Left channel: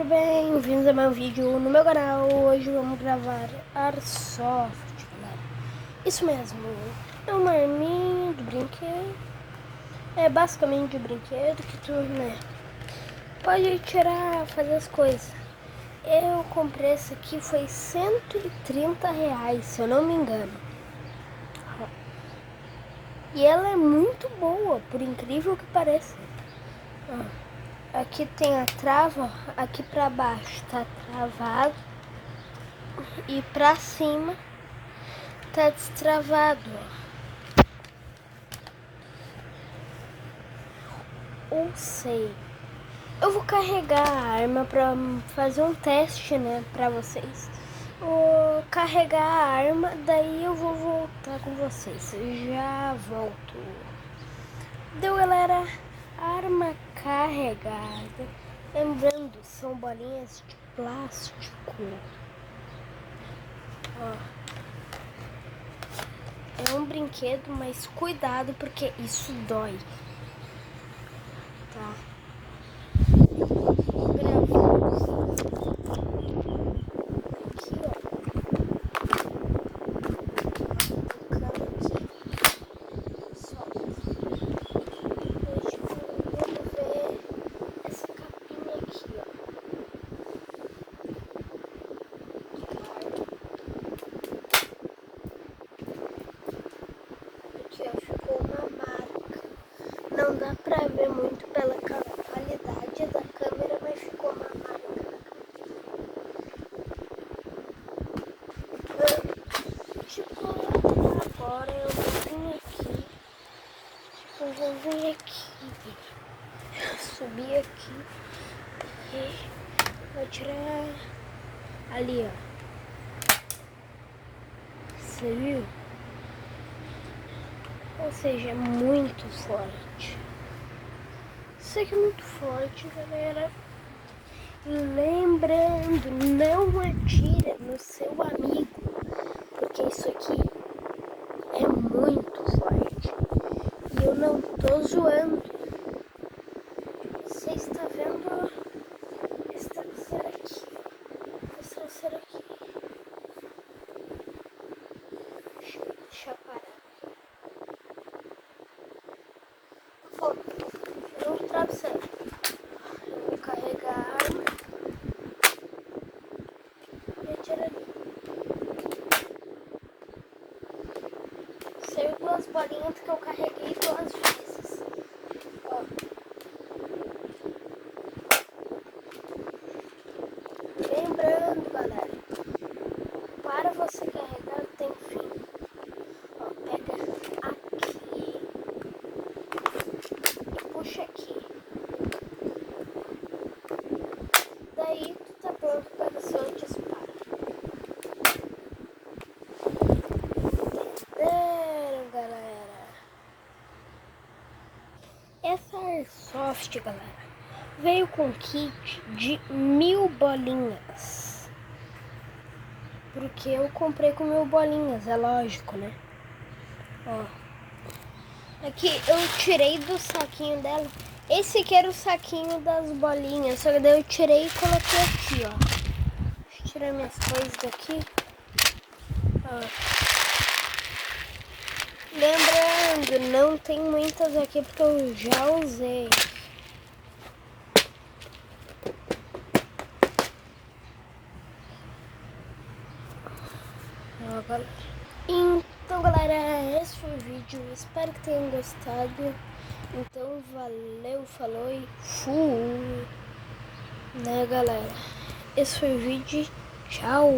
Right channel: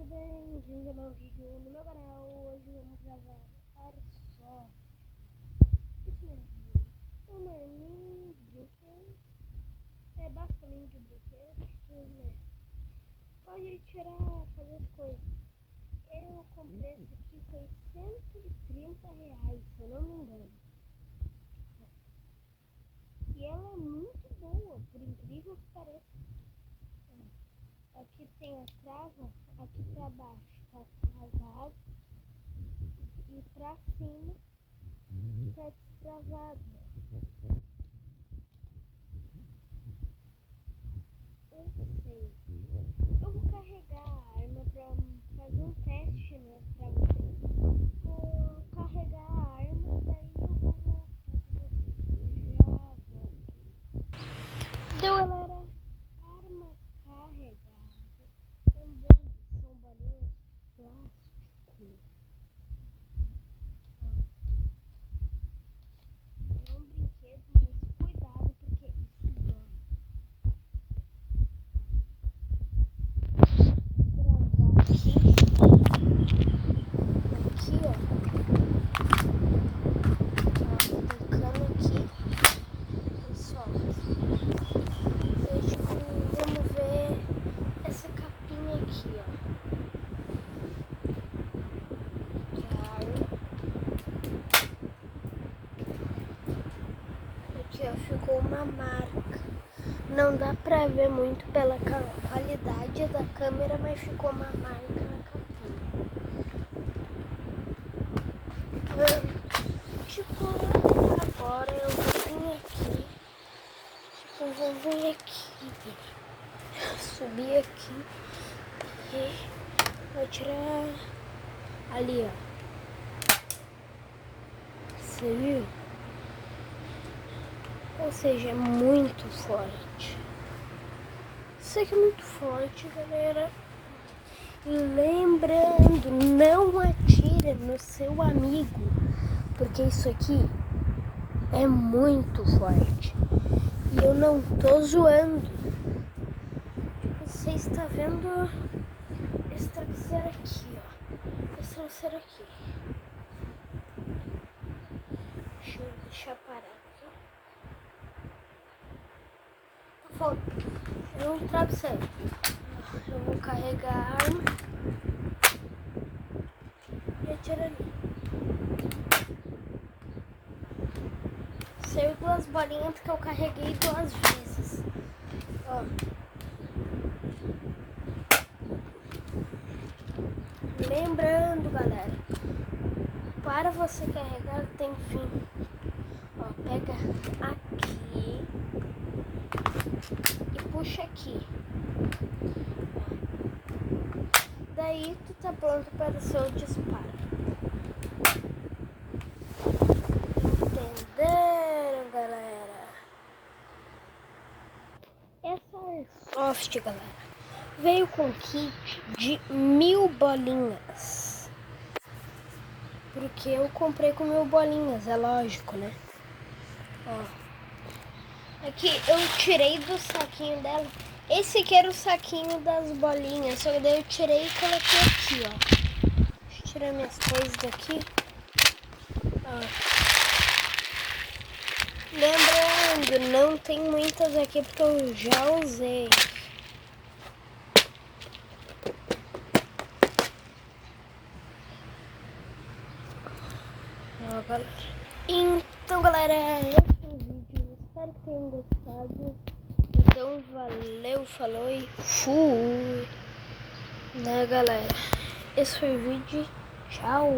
galera, bem-vindos a mais um vídeo no meu canal. Hoje vamos gravar Airsoft, galera. Isso mesmo, é uma arminha de brinquedo. É basicamente de brinquedo que tu, pode tirar, fazer as coisas. Eu comprei essa aqui, foi R$130, se eu não me engano. E ela é muito boa, por incrível que pareça. Aqui tem a trava, aqui pra baixo tá travado e pra cima tá destravado. Ou sei. Eu vou carregar a arma pra fazer um teste, pra vocês. Vou carregar a arma, daí eu vou voltar com vocês. Eu já volto. Deu, galera. Arma carregada. Lembrando, são bolinhas de plástico. É um brinquedo, mas cuidado porque isso dói. Tá? Gravando aqui, ó. Aplicando aqui. Só. Vamos ver essa capinha aqui, ó. Aqui, ó, ficou uma marca. Não dá pra ver muito pela qualidade da câmera, mas ficou uma marca na capinha. Tipo, agora eu vou vir aqui. Eu vou vir aqui. Subir aqui. E vou tirar ali, ó. Você viu? Ou seja, é muito forte. Isso aqui é muito forte, galera. Lembrando, não atira no seu amigo, porque isso aqui é muito forte. E eu não tô zoando. Você está vendo esse traseiro aqui, ó. Esse traseiro aqui. Deixa eu deixar parar. Tirou um travesseiro. Eu vou carregar a arma. Retira ali. Saiu duas bolinhas que eu carreguei 2 vezes. Ó. Lembrando, galera, para você carregar tem fim. Ó, pega aqui e puxa aqui. Daí tu tá pronto para o seu disparo. Entenderam, galera? Essa Airsoft, galera, veio com kit de 1000 bolinhas. Porque eu comprei com 1000 bolinhas, é lógico, né? Ó. Aqui eu tirei do saquinho dela. Esse aqui era o saquinho das bolinhas. Só que daí eu tirei e coloquei aqui, ó. Deixa eu tirar minhas coisas daqui. Ó. Lembrando, não tem muitas aqui porque eu já usei. Ó, galera. Então, galera, esse foi o vídeo. Espero que tenham gostado. Então, valeu, falou e fui. Né, galera? Esse foi o vídeo. Tchau.